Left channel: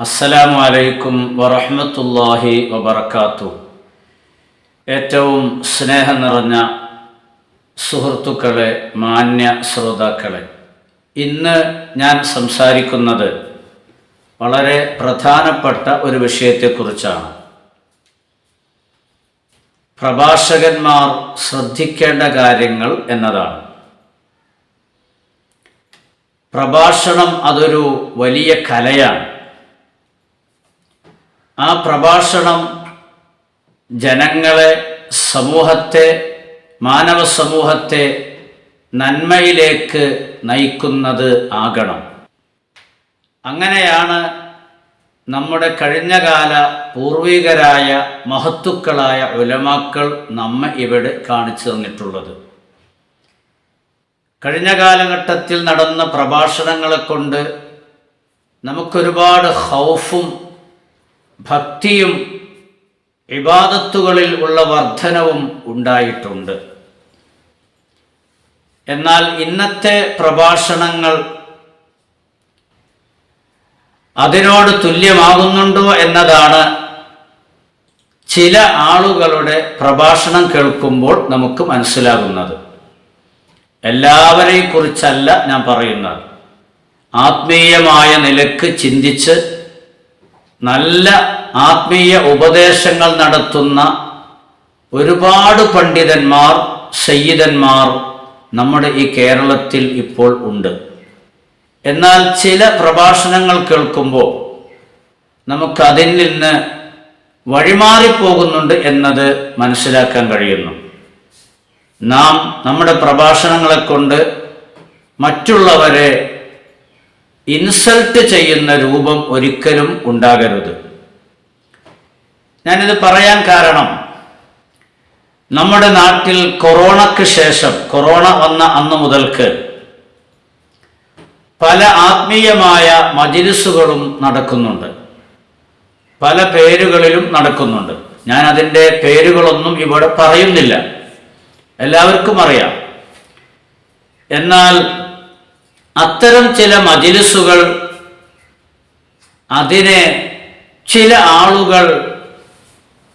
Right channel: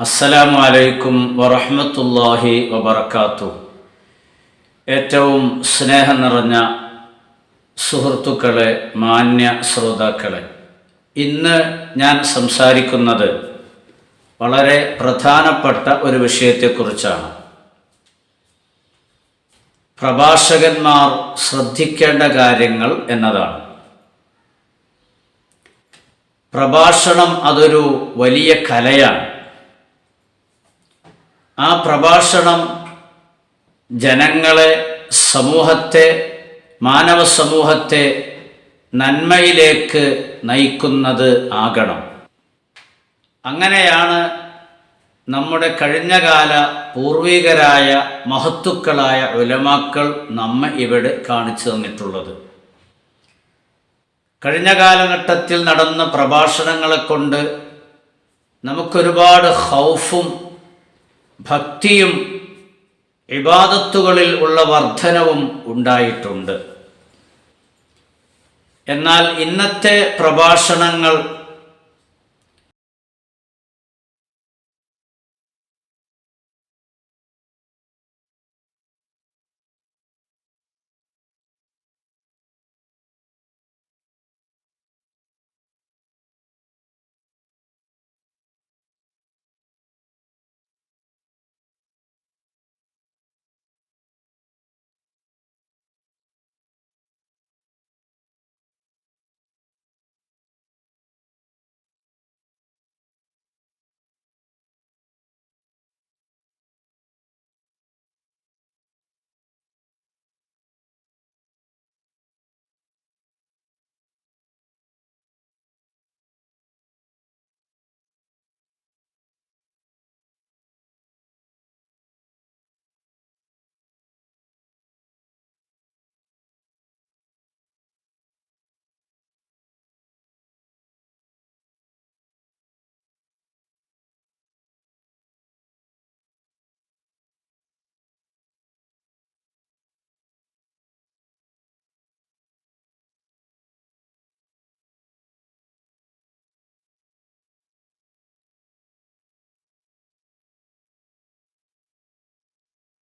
അസ്സലാമു അലൈക്കും വറഹ്മത്തുള്ളാഹി വബറകാതുഹു. ഏറ്റവും സ്നേഹം നിറഞ്ഞ സുഹൃത്തുക്കളെ, മാന്യ ശ്രോതാക്കളെ, ഇന്ന് ഞാൻ സംസാരിക്കുന്നത് വളരെ പ്രധാനപ്പെട്ട ഒരു വിഷയത്തെക്കുറിച്ചാണ്. പ്രഭാഷകന്മാർ ശ്രദ്ധിക്കേണ്ട കാര്യങ്ങൾ എന്നതാണ്. പ്രഭാഷണം അതൊരു വലിയ കലയാണ്. ആ പ്രഭാഷണം ജനങ്ങളെ, സമൂഹത്തെ, മാനവ സമൂഹത്തെ നന്മയിലേക്ക് നയിക്കുന്നത് ആകണം. അങ്ങനെയാണ് നമ്മുടെ കഴിഞ്ഞകാല പൂർവികരായ മഹത്തുക്കളായ ഉലമാക്കൾ നമ്മെ ഇവിടെ കാണിച്ചു തന്നിട്ടുള്ളത്. കഴിഞ്ഞ കാലഘട്ടത്തിൽ നടന്ന പ്രഭാഷണങ്ങളെ കൊണ്ട് നമുക്കൊരുപാട് ഖൗഫും ഭക്തിയും ഇബാദത്തുകളിൽ ഉള്ള വർധനവും ഉണ്ടായിട്ടുണ്ട്. എന്നാൽ ഇന്നത്തെ പ്രഭാഷണങ്ങൾ അതിനോട് തുല്യമാകുന്നുണ്ടോ എന്നതാണ് ചില ആളുകളുടെ പ്രഭാഷണം കേൾക്കുമ്പോൾ നമുക്ക് മനസ്സിലാകുന്നത്. എല്ലാവരെയും കുറിച്ചല്ല ഞാൻ പറയുന്നത്. ആത്മീയമായ നിലക്ക് ചിന്തിച്ച് നല്ല ആത്മീയ ഉപദേശങ്ങൾ നടത്തുന്ന ഒരുപാട് പണ്ഡിതന്മാർ, സയ്യിദന്മാർ നമ്മുടെ ഈ കേരളത്തിൽ ഇപ്പോൾ ഉണ്ട്. എന്നാൽ ചില പ്രഭാഷണങ്ങൾ കേൾക്കുമ്പോൾ നമുക്കതിൽ നിന്ന് വഴിമാറിപ്പോകുന്നുണ്ട് എന്നത് മനസ്സിലാക്കാൻ കഴിയുന്നു. നാം നമ്മുടെ പ്രഭാഷണങ്ങളെ കൊണ്ട് മറ്റുള്ളവരെ ഇൻസൾട്ട് ചെയ്യുന്ന രൂപം ഒരിക്കലും ഉണ്ടാകരുത്. ഞാനിത് പറയാൻ കാരണം, നമ്മുടെ നാട്ടിൽ കൊറോണയ്ക്ക് ശേഷം, കൊറോണ വന്ന അന്ന് മുതൽക്ക് പല ആത്മീയമായ മജ്‌ലിസുകളും നടക്കുന്നുണ്ട്. പല പേരുകളിലും നടക്കുന്നുണ്ട്. ഞാൻ അതിൻ്റെ പേരുകളൊന്നും ഇവിടെ പറയുന്നില്ല, എല്ലാവർക്കും അറിയാം. എന്നാൽ അത്തരം ചില മജ്‌ലിസുകൾ, അതിനെ ചില ആളുകൾ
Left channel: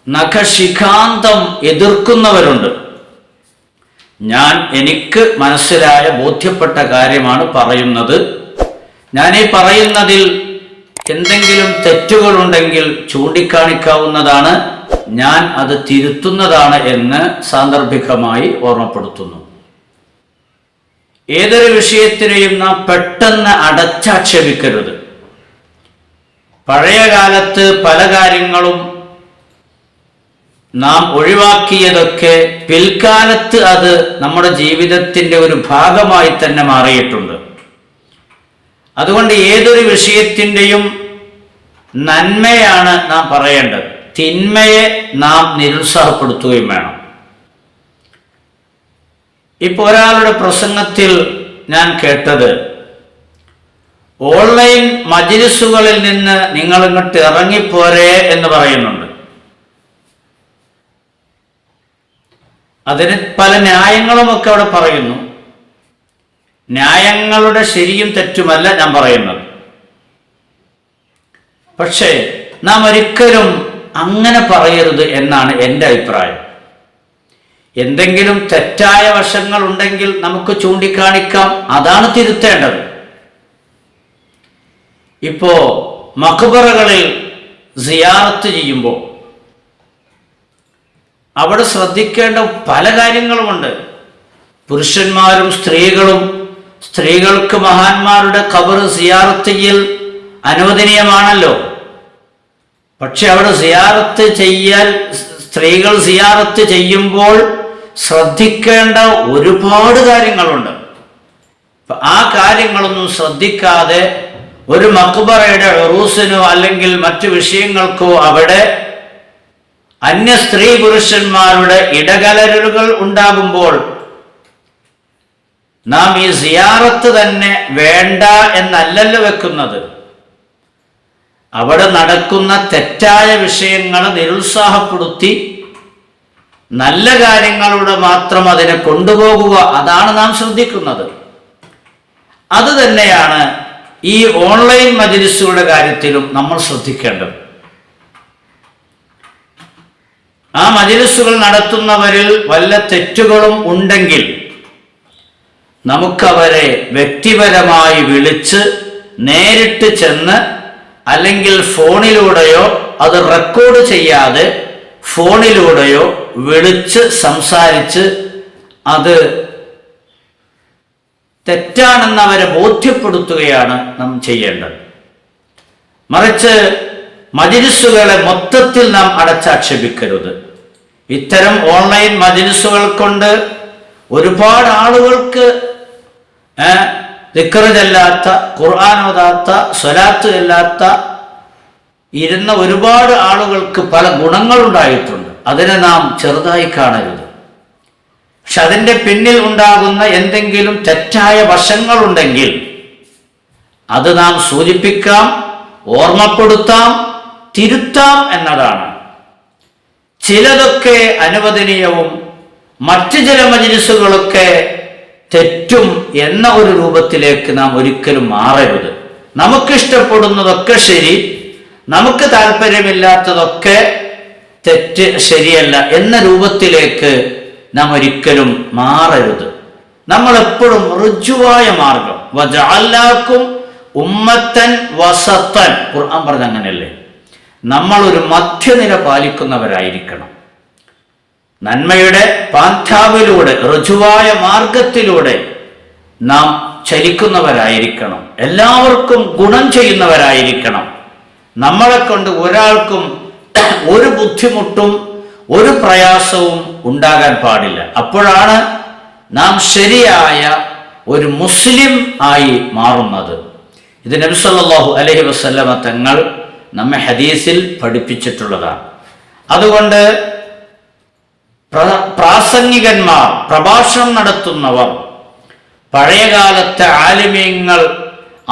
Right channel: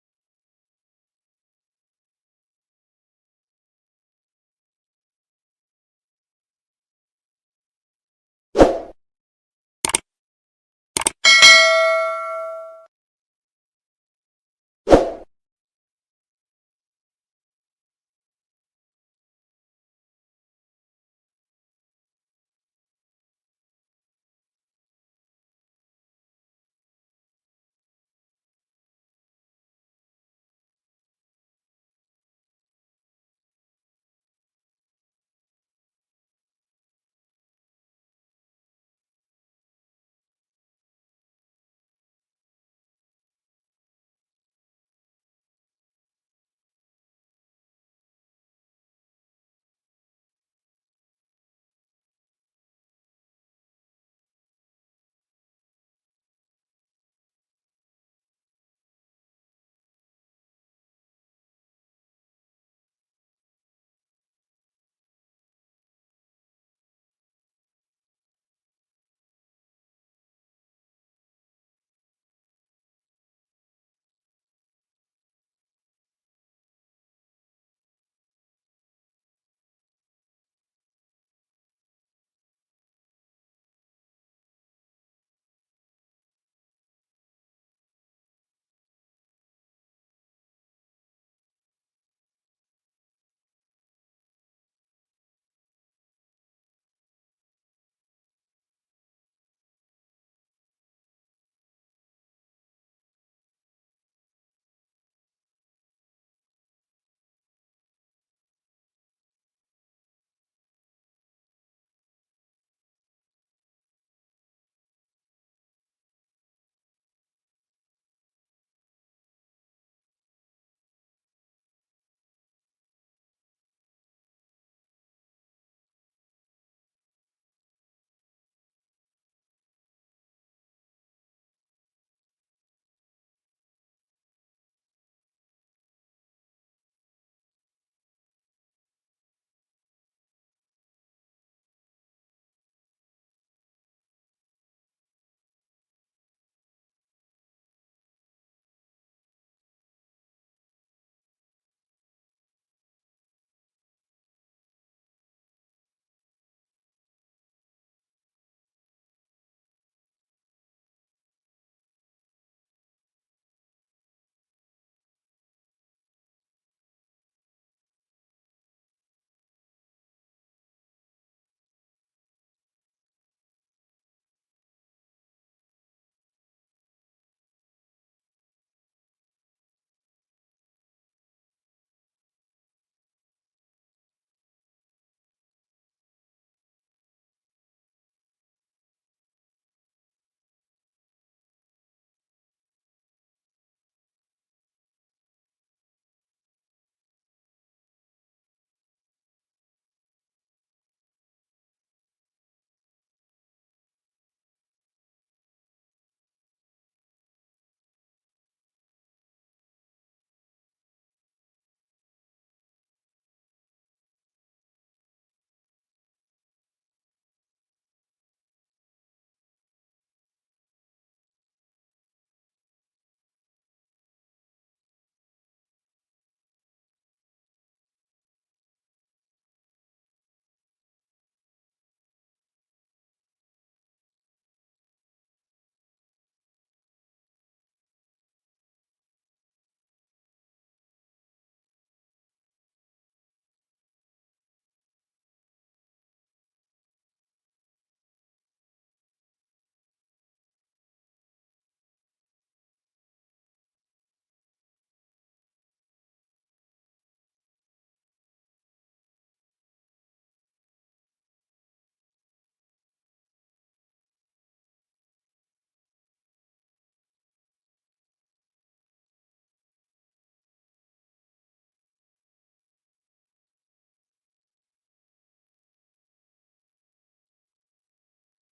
നഖശിഖാന്തം എതിർക്കുന്നവരുണ്ട്. എനിക്ക് മനസ്സിലായ, ബോധ്യപ്പെട്ട കാര്യമാണ് പറയുന്നത്. ഞാൻ ഈ പറയുന്നതിൽ എന്തെങ്കിലും തെറ്റുകളുണ്ടെങ്കിൽ ചൂണ്ടിക്കാണിക്കാവുന്നതാണ്. ഞാൻ അത് തിരുത്തുന്നതാണ് എന്ന് സാന്ദർഭികമായി ഓർമ്മപ്പെടുത്തുന്നു. ഏതൊരു വിഷയത്തിനെയും നാം പെട്ടെന്ന് അടച്ചാക്ഷേപിക്കരുത്. പഴയ കാലത്ത് പല കാര്യങ്ങളും നാം ഒഴിവാക്കിയതൊക്കെ പിൽക്കാലത്ത് അത് നമ്മുടെ ജീവിതത്തിൻ്റെ ഒരു ഭാഗമായി തന്നെ മാറിയിട്ടുണ്ട്. അതുകൊണ്ട് ഏതൊരു വിഷയത്തിൻ്റെയും നന്മയാണ് നാം പറയേണ്ടത്. തിന്മയെ നാം നിരുത്സാഹപ്പെടുത്തുകയും വേണം. ഇപ്പോൾ ഒരാളുടെ പ്രസംഗത്തിൽ ഞാൻ കേട്ടത്, ഓൺലൈൻ മജ്‌ലിസുകളിൽ നിന്ന് നിങ്ങൾ ഇങ്ങോട്ട് ഇറങ്ങിപ്പോരേ എന്ന് പറയുന്നുണ്ട്. അതിന് പല ന്യായങ്ങളുമൊക്കെ അവിടെ പറയുന്നു. ന്യായങ്ങളുടെ ശരിയും തെറ്റുമല്ല ഞാൻ പറയുന്നത്. പക്ഷേ നാം ഒരിക്കലും അങ്ങനെ പറയരുത് എന്നാണ് എൻ്റെ അഭിപ്രായം. എന്തെങ്കിലും തെറ്റായ വശങ്ങൾ ഉണ്ടെങ്കിൽ നമുക്ക് ചൂണ്ടിക്കാണിക്കാം, അതാണ് തിരുത്തേണ്ടത്. ഇപ്പോ മഖ്ബറകളിൽ സിയാറത്ത് ചെയ്യുമ്പോൾ അവിടെ ശ്രദ്ധിക്കേണ്ട പല കാര്യങ്ങളുമുണ്ട്. പുരുഷന്മാരും സ്ത്രീകളും, സ്ത്രീകൾക്ക് മഹാന്മാരുടെ ഖബർ സിയാറത്ത് ചെയ്യൽ അനുവദനീയമാണല്ലോ. പക്ഷെ അവിടെ സിയാറത്ത് ചെയ്യാൻ, സ്ത്രീകൾ സിയാറത്ത് ചെയ്യുമ്പോൾ ശ്രദ്ധിക്കേണ്ട ഒരുപാട് കാര്യങ്ങളുണ്ട്. ആ കാര്യങ്ങളൊന്നും ശ്രദ്ധിക്കാതെ ഒരു മഖ്ബറയുടെ ഉറൂസിനോ അല്ലെങ്കിൽ മറ്റു വിഷയങ്ങൾക്കോ അവിടെ അന്യ സ്ത്രീ പുരുഷന്മാരുടെ ഇടകലരലുകൾ ഉണ്ടാകുമ്പോൾ നാം ഈ സിയാറത്ത് തന്നെ വേണ്ട എന്നല്ലല്ലോ വെക്കുന്നത്. അവിടെ നടക്കുന്ന തെറ്റായ വിഷയങ്ങളെ നിരുത്സാഹപ്പെടുത്തി നല്ല കാര്യങ്ങളുടെ മാത്രം അതിനെ കൊണ്ടുപോകുക, അതാണ് നാം ശ്രദ്ധിക്കുന്നത്. അത് തന്നെയാണ് ഈ ഓൺലൈൻ മജ്‌ലിസുകളുടെ കാര്യത്തിലും നമ്മൾ ശ്രദ്ധിക്കേണ്ടത്. ആ മജ്‌ലിസുകൾ നടത്തുന്നവരിൽ വല്ല തെറ്റുകളും ഉണ്ടെങ്കിൽ നമുക്കവരെ വ്യക്തിപരമായി വിളിച്ച് നേരിട്ട് ചെന്ന്, അല്ലെങ്കിൽ ഫോണിലൂടെയോ അത് റെക്കോർഡ് ചെയ്യാതെ ഫോണിലൂടെയോ വിളിച്ച് സംസാരിച്ച് അത് തെറ്റാണെന്ന് അവരെ ബോധ്യപ്പെടുത്തുകയാണ് നാം ചെയ്യേണ്ടത്. മറിച്ച് മജ്‌ലിസുകളെ മൊത്തത്തിൽ നാം അടച്ചാക്ഷേപിക്കരുത്. ഇത്തരം ഓൺലൈൻ മജ്‌ലിസുകൾ കൊണ്ട് ഒരുപാട് ആളുകൾക്ക് ദിക്ർ ചൊല്ലാത്ത, ഖുർആൻ ഓതാത്ത, സ്വലാത്ത് ചൊല്ലാത്ത ഇരുന്ന ഒരുപാട് ആളുകൾക്ക് പല ഗുണങ്ങളുണ്ടായിട്ടുണ്ട്. അതിനെ നാം ചെറുതായി കാണരുത്. പക്ഷെ അതിൻ്റെ പിന്നിൽ ഉണ്ടാകുന്ന എന്തെങ്കിലും തെറ്റായ വശങ്ങളുണ്ടെങ്കിൽ അത് നാം സൂചിപ്പിക്കാം, ഓർമ്മപ്പെടുത്താം, തിരുത്താം എന്നതാണ്. ചിലതൊക്കെ അനുവദനീയവും മറ്റു ചില മജ്‌ലിസുകളൊക്കെ തെറ്റും എന്ന ഒരു രൂപത്തിലേക്ക് നാം ഒരിക്കലും മാറരുത്. നമുക്കിഷ്ടപ്പെടുന്നതൊക്കെ ശരി, നമുക്ക് താല്പര്യമില്ലാത്തതൊക്കെ തെറ്റ്, ശരിയല്ല എന്ന രൂപത്തിലേക്ക് നാം ഒരിക്കലും മാറരുത്. നമ്മൾ എപ്പോഴും ഋജുവായ മാർഗം, വജഅൽനാകും ഉമ്മത്തൻ വസത്തൻ, ഖുർആൻ പറഞ്ഞ അങ്ങനെയല്ലേ, നമ്മൾ ഒരു മധ്യനില പാലിക്കുന്നവരായിരിക്കണം. നന്മയുടെ പാന്താവിലൂടെ, ഋജുവായ മാർഗത്തിലൂടെ നാം ചലിക്കുന്നവരായിരിക്കണം. എല്ലാവർക്കും ഗുണം ചെയ്യുന്നവരായിരിക്കണം. നമ്മളെ കൊണ്ട് ഒരാൾക്കും ഒരു ബുദ്ധിമുട്ടും ഒരു പ്രയാസവും ഉണ്ടാകാൻ പാടില്ല. അപ്പോഴാണ് നാം ശരിയായ ഒരു മുസ്ലിം ആയി മാറുന്നത്. ഇത് നബി സല്ലല്ലാഹു അലൈഹി വസല്ലമ തങ്ങൾ നമ്മെ ഹദീസിൽ പഠിപ്പിച്ചിട്ടുള്ളതാണ്. അതുകൊണ്ട് പ്രാസംഗികന്മാർ, പ്രഭാഷണം നടത്തുന്നവർ, പഴയകാലത്തെ ആലിമീങ്ങൾ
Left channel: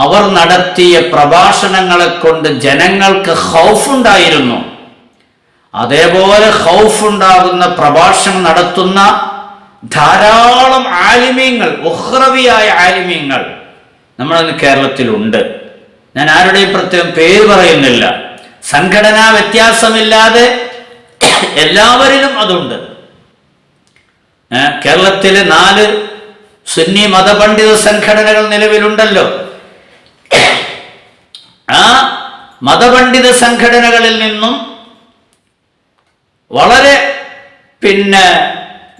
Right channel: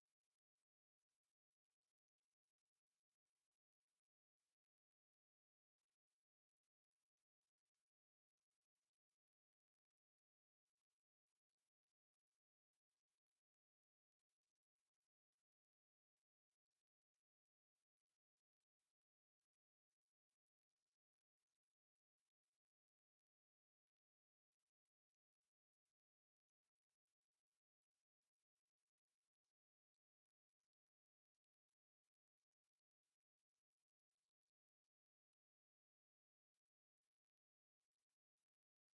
അവർ നടത്തിയ പ്രഭാഷണങ്ങളെ കൊണ്ട് ജനങ്ങൾക്ക് ഖൗഫുണ്ടായിരുന്നു. അതേപോലെ ഖൗഫുണ്ടാകുന്ന പ്രഭാഷണം നടത്തുന്ന ധാരാളം ആലിമീങ്ങൾ, ഉഖ്റവിയായ ആലിമീങ്ങൾ നമ്മളിന്ന് കേരളത്തിലുണ്ട്. ഞാൻ ആരുടെയും പ്രത്യേകം പേര് പറയുന്നില്ല. സംഘടനാ വ്യത്യാസമില്ലാതെ എല്ലാവരിലും അതുണ്ട്. കേരളത്തിലെ 4 സുന്നി മതപണ്ഡിത സംഘടനകൾ നിലവിലുണ്ടല്ലോ. ആ മതപണ്ഡിത സംഘടനകളിൽ നിന്നും വളരെ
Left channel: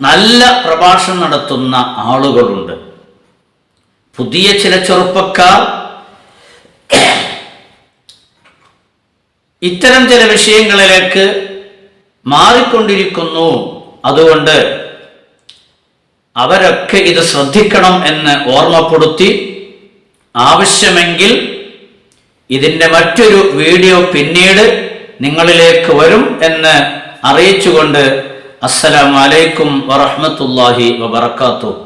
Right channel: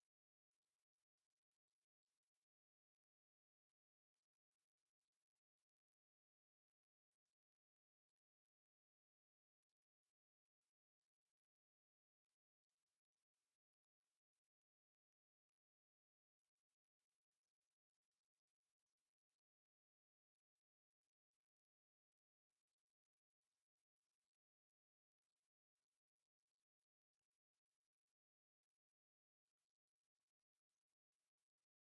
നല്ല പ്രഭാഷണം നടത്തുന്ന ആളുകളുണ്ട്. പുതിയ ചില ചെറുപ്പക്കാർ ഇത്തരം ചില വിഷയങ്ങളിലേക്ക് മാറിക്കൊണ്ടിരിക്കുന്നു. അതുകൊണ്ട് അവരൊക്കെ ഇത് ശ്രദ്ധിക്കണം എന്ന് ഓർമ്മപ്പെടുത്തി, ആവശ്യമെങ്കിൽ ഇതിൻ്റെ മറ്റൊരു വീഡിയോ പിന്നീട് നിങ്ങളിലേക്ക് വരും എന്ന് അറിയിച്ചുകൊണ്ട് അസ്സലാമു അലൈക്കും വറഹ്മത്തുള്ളാഹി വബറകാതുഹു.